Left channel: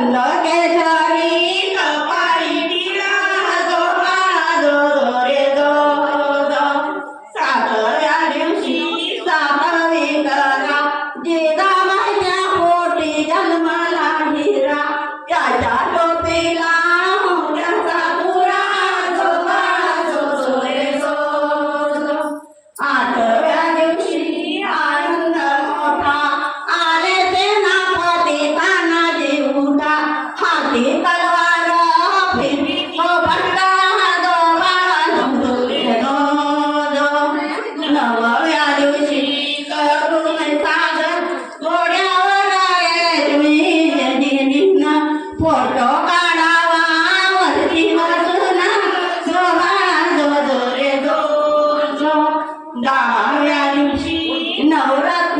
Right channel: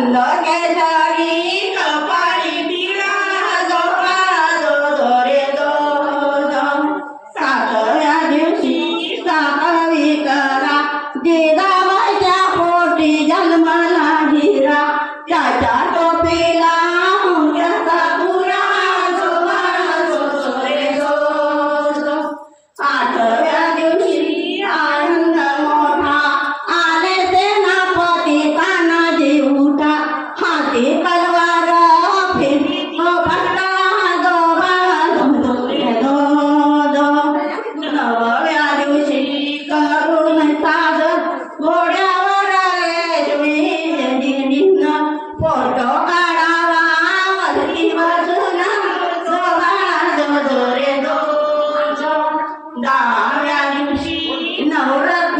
mình ở đây thôi என்ன சொல்றாரு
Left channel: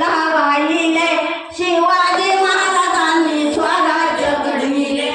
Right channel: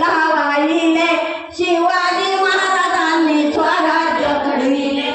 शिवशाहीला वाहिले शिवाजी महाराजांनी स्वराज्य घडविले.